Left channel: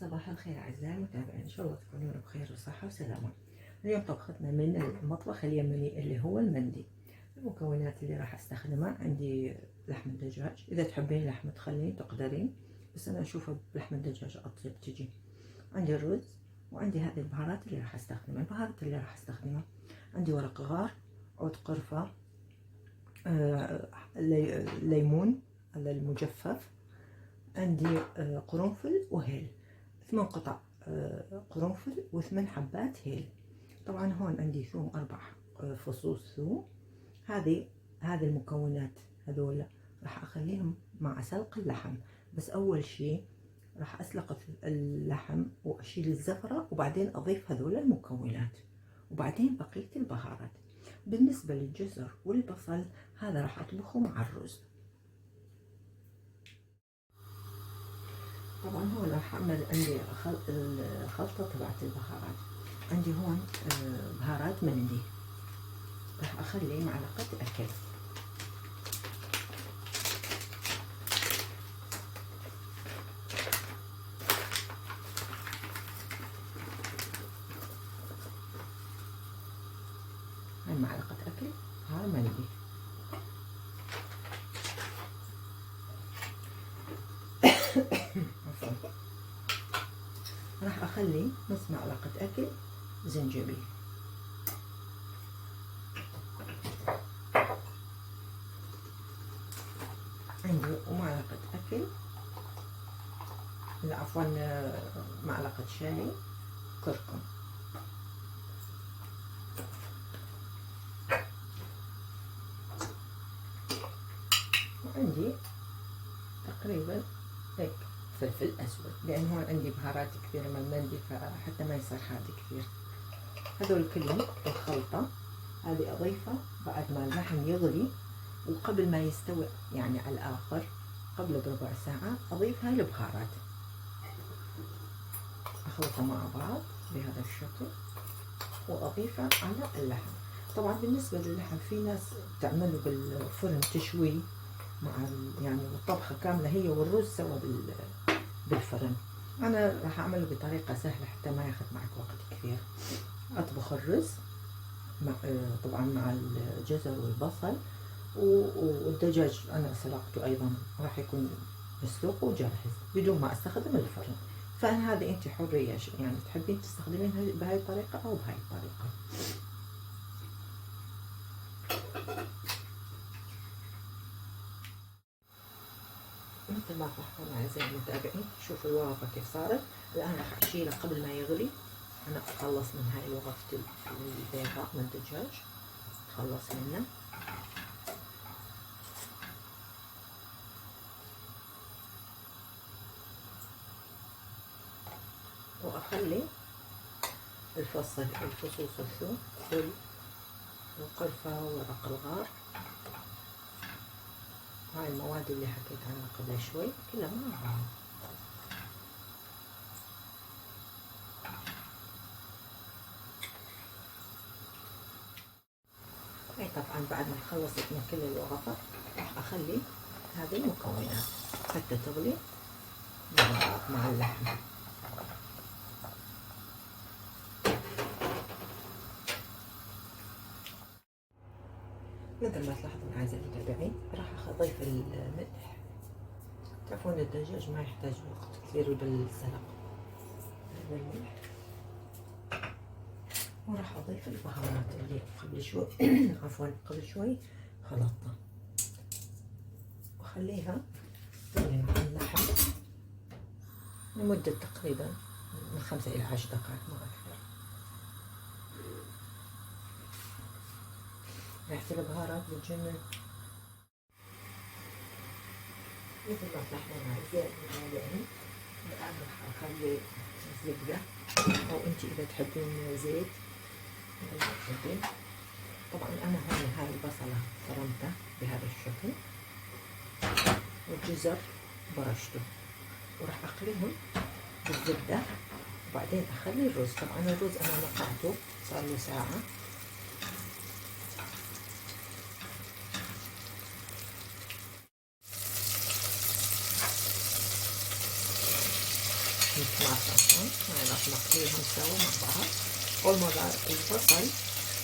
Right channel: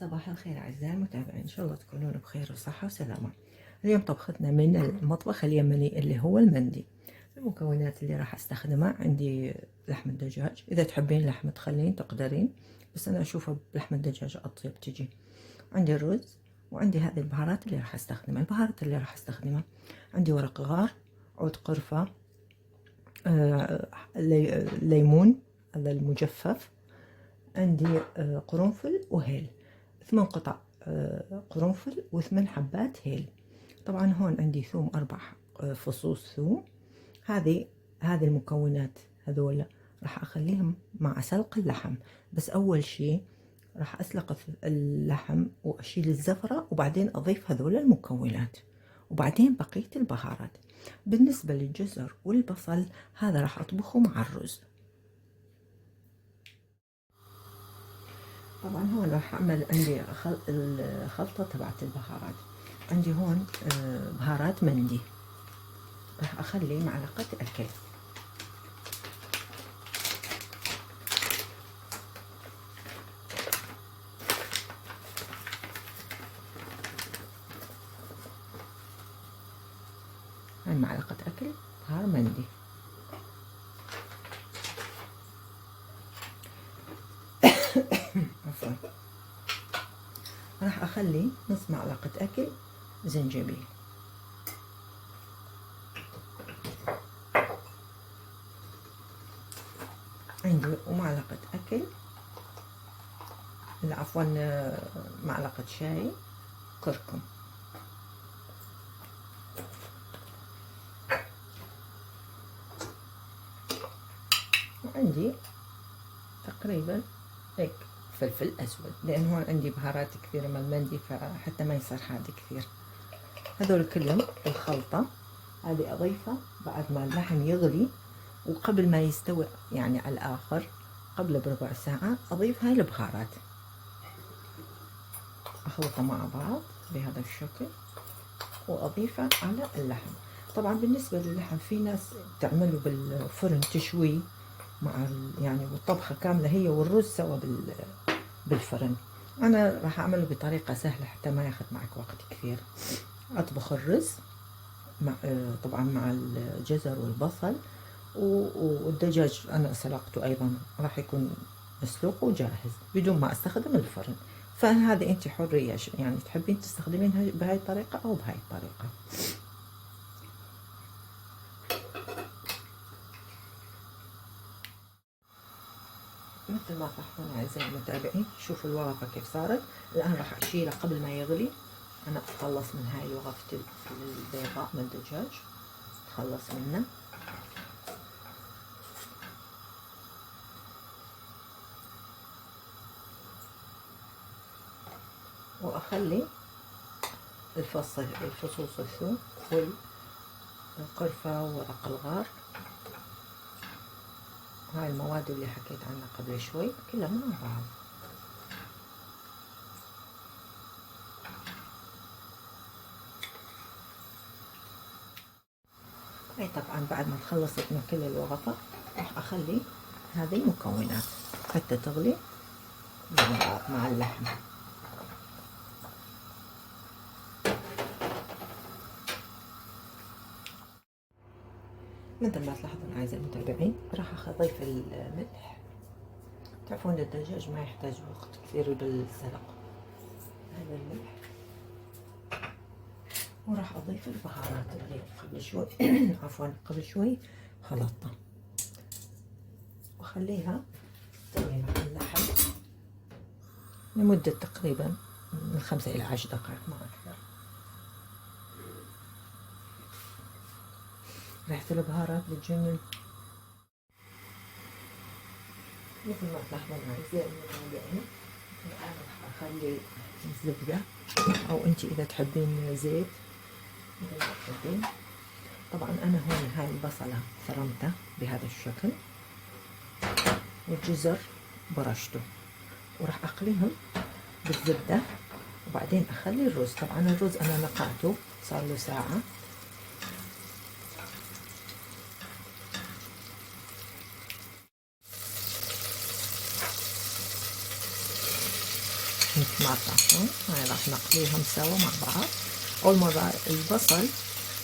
صباح الخير أعزائي المتابعين، إن شاء الله تكونون بخير وصحة وسلامة. اليوم طبختنا من المطبخ اليمني اللي هو المندي. المكونات اللي راح استخدمها عندي لحم الدجاج، إذا تحبين لحم تخلين تقدرين، بس أنا أشوفها بلحم الدجاج أطيب تجي. عندي الرز، وعندي هذه البهارات اللي راح استخدمها. البهارات اللي راح استخدمها عندي ورق غار، عود قرفة، ليمون هذا المجفف، عندي قرنفل وهيل، 8 قطع قرنفل و8 حبات هيل. طبعا هون عندي ثوم 4 فصوص ثوم. هذه المكونات هذول راح اخليهم مع سلق اللحم. بس اول شيء راح اسلق اللحم واشيل الزفرة، وبعدين اضيف هذول المكونات، وبعدين بقية البهارات. بالنسبة للجزر والبصل هذا راح اطبخه مع الرز. طبعا هون راح اعمل عندي الخلطة تبعت البهارات. عندي هون بهارات مندي، راح اخلي معلقة اكل. هاي معلقة اكل بهار مندي. عفوا. راح اخلي نص معلقة اكل زنجبيل. عندي ومعلقة اكل، لا عفوا، معلقة شاي كركم. وعندي تقريبا هيك فلفل اسود، لان هون عندي بهارات كثيرة من المندي، فحتى ما يصير حادق كثير. هذول كلهم الخلطة هذه اضيفها بعد ما اللحم يغلي، وقبل ما يستوي يعني على الاخر، قبل بربع ساعة اضيف هاي البهارات، اخلطها مع بعض بهذا الشكل واضيفها على اللحم. طبعا بالنسبة للحم في ناس تعمله بالفرن تشويه مع يعني الطبخة كاملة هي والرز سوا بالفرن. انا راح اعمله بطريقة سهلة حتى ما ياخذ معك وقت كثير. اطبخ الرز مع طبعا مع الجزر والبصل، والدجاج انا سلقته ايضا، راح يكون مسلوق وجاهز بدون ما استخدم الفرن. فهذه انت حرية، يعني تحبين تستخدمينها بهاي الطريقة او بهاي الطريقة. مثل ما تلاحظون اعزائي المتابعين، شوفوا الورقة كيف صارت. الان راح اشيلها قبل ما يغلي. انا اتخلص من هاي وظيفة البيضاء من الدجاج، اتخلص منها. واخلي الفصوص الثوم والقرفة وورق الغار، هاي المواد اللي حكيت عنها قبل شوي كلها مع بعض. هاي طبعا بعد ما خلصت من كل الوظائف راح اخلي هذه المكونات حتى تغلي مع بعض مع اللحم. مثل ما تلاحظون اعزائي المتابعين، راح اضيف الملح. تعرفون الدجاج ما يحتاج وقت كثير بالسلق. هذا الملح، وراح اضيف البهارات اللي قبل شوي عفوا قبل شوي خلطتها، واخليها تغلي مع اللحم لمدة تقريبا من 5 إلى 10 دقائق ما أكثر. ريحة البهارات بتجنن. مثل ما تلاحظون أعزائي المتابعين، الآن راح أخلي زبدة، أو أنت إذا تحبين زيت إذا تحبين. طبعا أنا هون هاي البصلة فرمتها بهذا الشكل، والجزر برشته، وراح أقليهم بالزبدة، وبعدين أخلي الرز. طبعا الرز أنا نقعته صار له ساعة. نتمرقة. هاي راح نقليهم سوا مع بعض. أول مرة البصل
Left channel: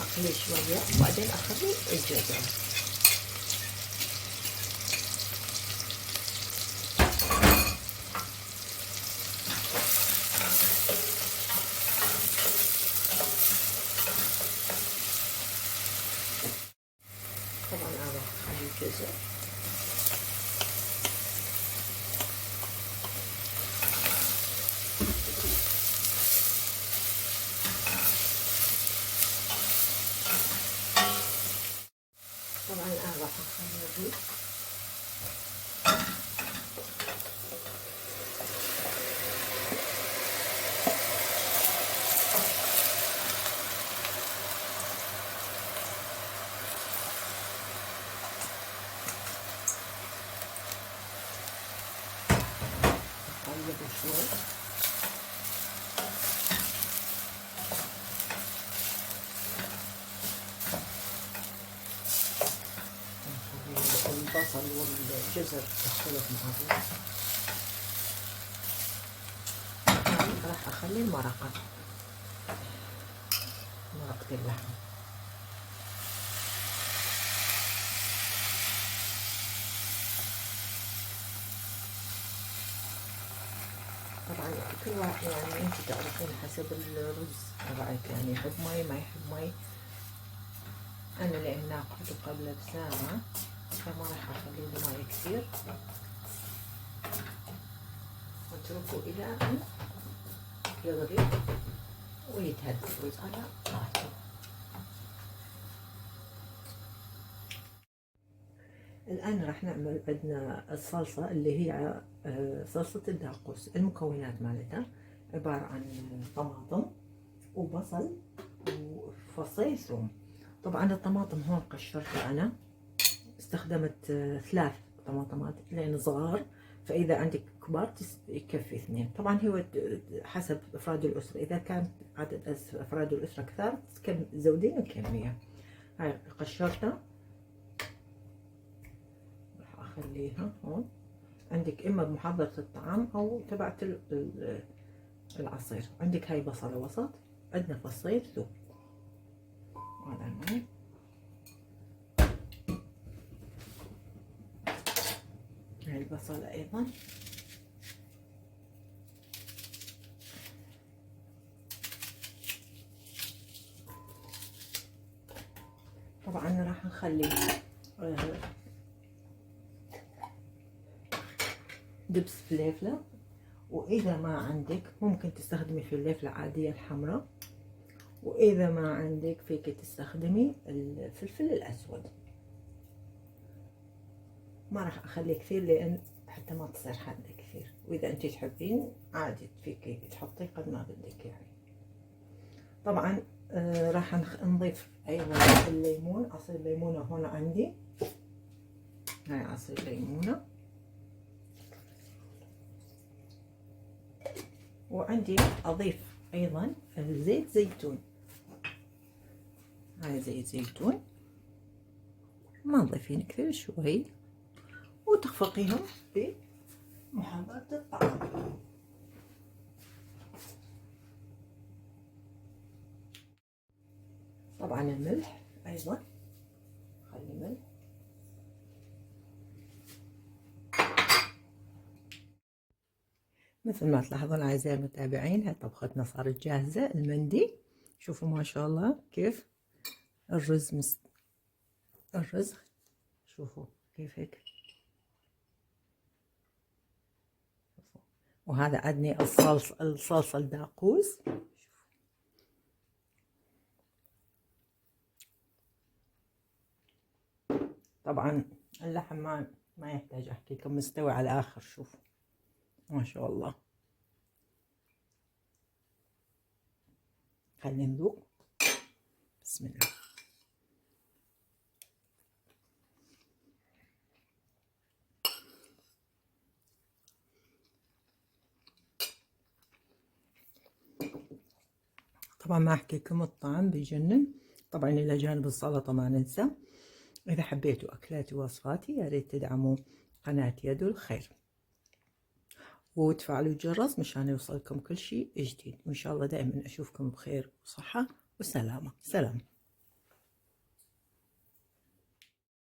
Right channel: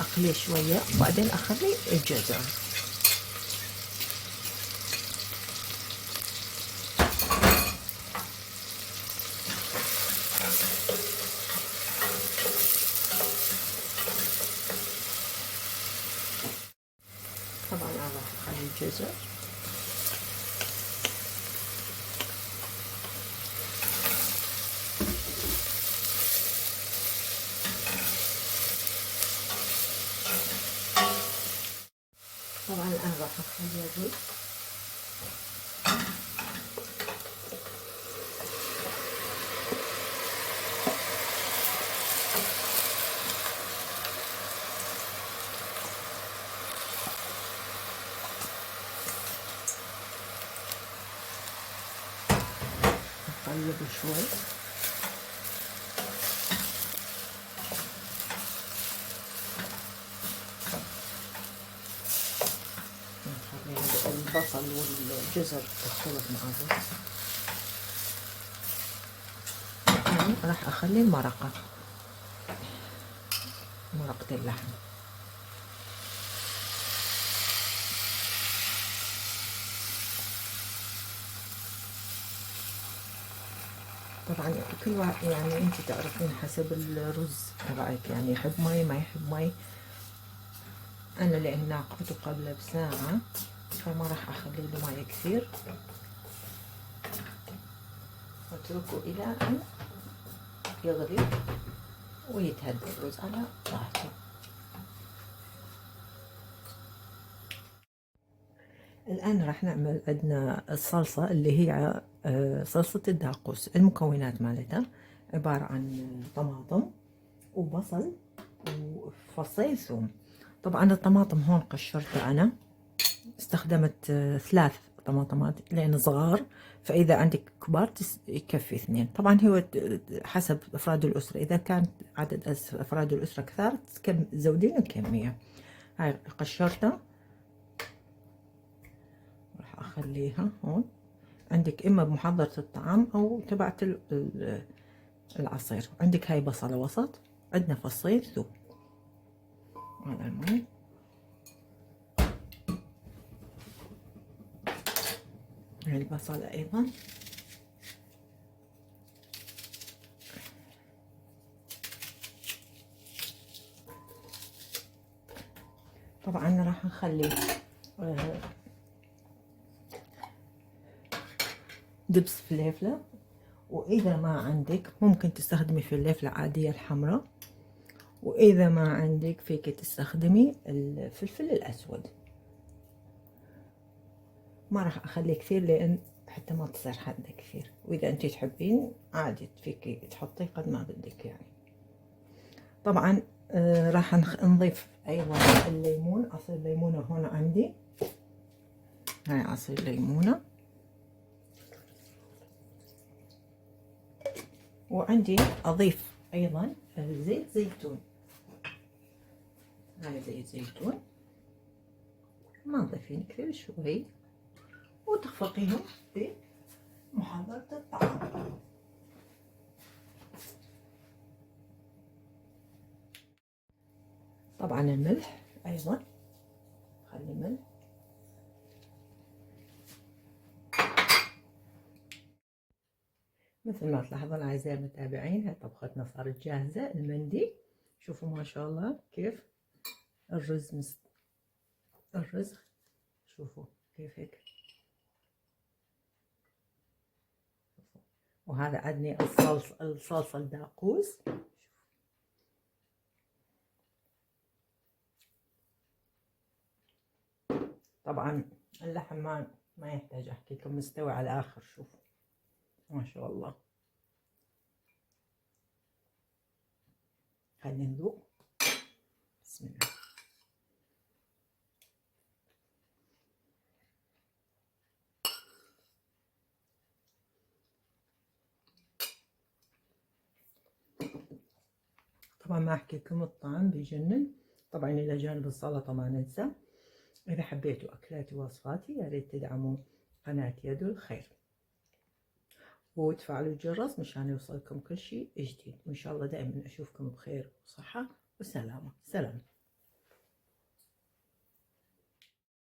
أقليه شوية وبعدين أخلي الجزر. طبعا أروح أخلي الجزر. طبعا الآن راح أخلي الرز. أقلب شوي. البصل والجزر تخلط مع الرز. راح أخلي المرقة، مرقة اللحم. طبعا كل واحد يعني انت تعرفين حسب الرز تبعك، يعني يحب مي ما يحب مي. انا لان ناقته قبل بساعة فما راح اخلي له مي كثير، واتركه الى ان يغلي ويتهدى الرز على راحته. الآن راح نعمل عندنا الصلصة اللي هي صلصة الداقوس. المكونات مالتها عبارة عن طماطم وبصل وفصين ثوم. طبعا الطماطم هون قشرتها أنا، استخدمت 3 طماطمات لأن صغار، فإذا عندك كبار يكفي 2. طبعا هو حسب أفراد الأسرة، إذا كان عدد أفراد الأسرة كثار زودين الكمية. هاي قشرتها راح أخليها هون. عندك إما بمحضرة الطعام أو تبعت العصير. عندك هاي بصلة وسط، عندنا فصين ثوم. هذا المي. هاي البصلة أيضا. طبعا راح نخلي دبس فليفلة، وإذا ما عندك ممكن تستخدمي فليفلة عادية الحمراء، وإذا ما عندك فيك تستخدمي الفلفل الأسود. ما راح أخلي كثير لأن حتى ما تصير حادة كثير، وإذا أنت تحبين عادي فيك تحطي قد ما بدك يعني. طبعا راح نضيف أيضا الليمون، عصير ليمونة هون عندي. هاي عصير ليمونة. وعندي أضيف أيضا زيت زيتون. هاي زيت زيتون، ما تضيفين كثير، شوي، وتخفقيهم بمحضرة الطعام. طبعا الملح أيضا، خلي ملح. مثل ما تلاحظون أعزائي المتابعين، هاي طبختنا صارت جاهزة. المندي شوفوا ما شاء الله كيف الرز الرز شوفوا كيف هيك. وهذا عندي الصلصة الداقوس. طبعا اللحم ما يحتاج احكي لكم، مستوي على الاخر. شوفوا ما شاء الله. خلينا نذوق. بسم الله. طبعا ما احكي لكم الطعم بيجنن. طبعا الى جانب السلطه ما ننسى. اذا حبيتوا اكلاتي ووصفاتي يا ريت تدعموا قناه يد الخير، وتفعلوا الجرس مشان يوصلكم كل شيء جديد، وإن شاء الله دائما أشوفكم بخير وصحة وسلامة. سلام.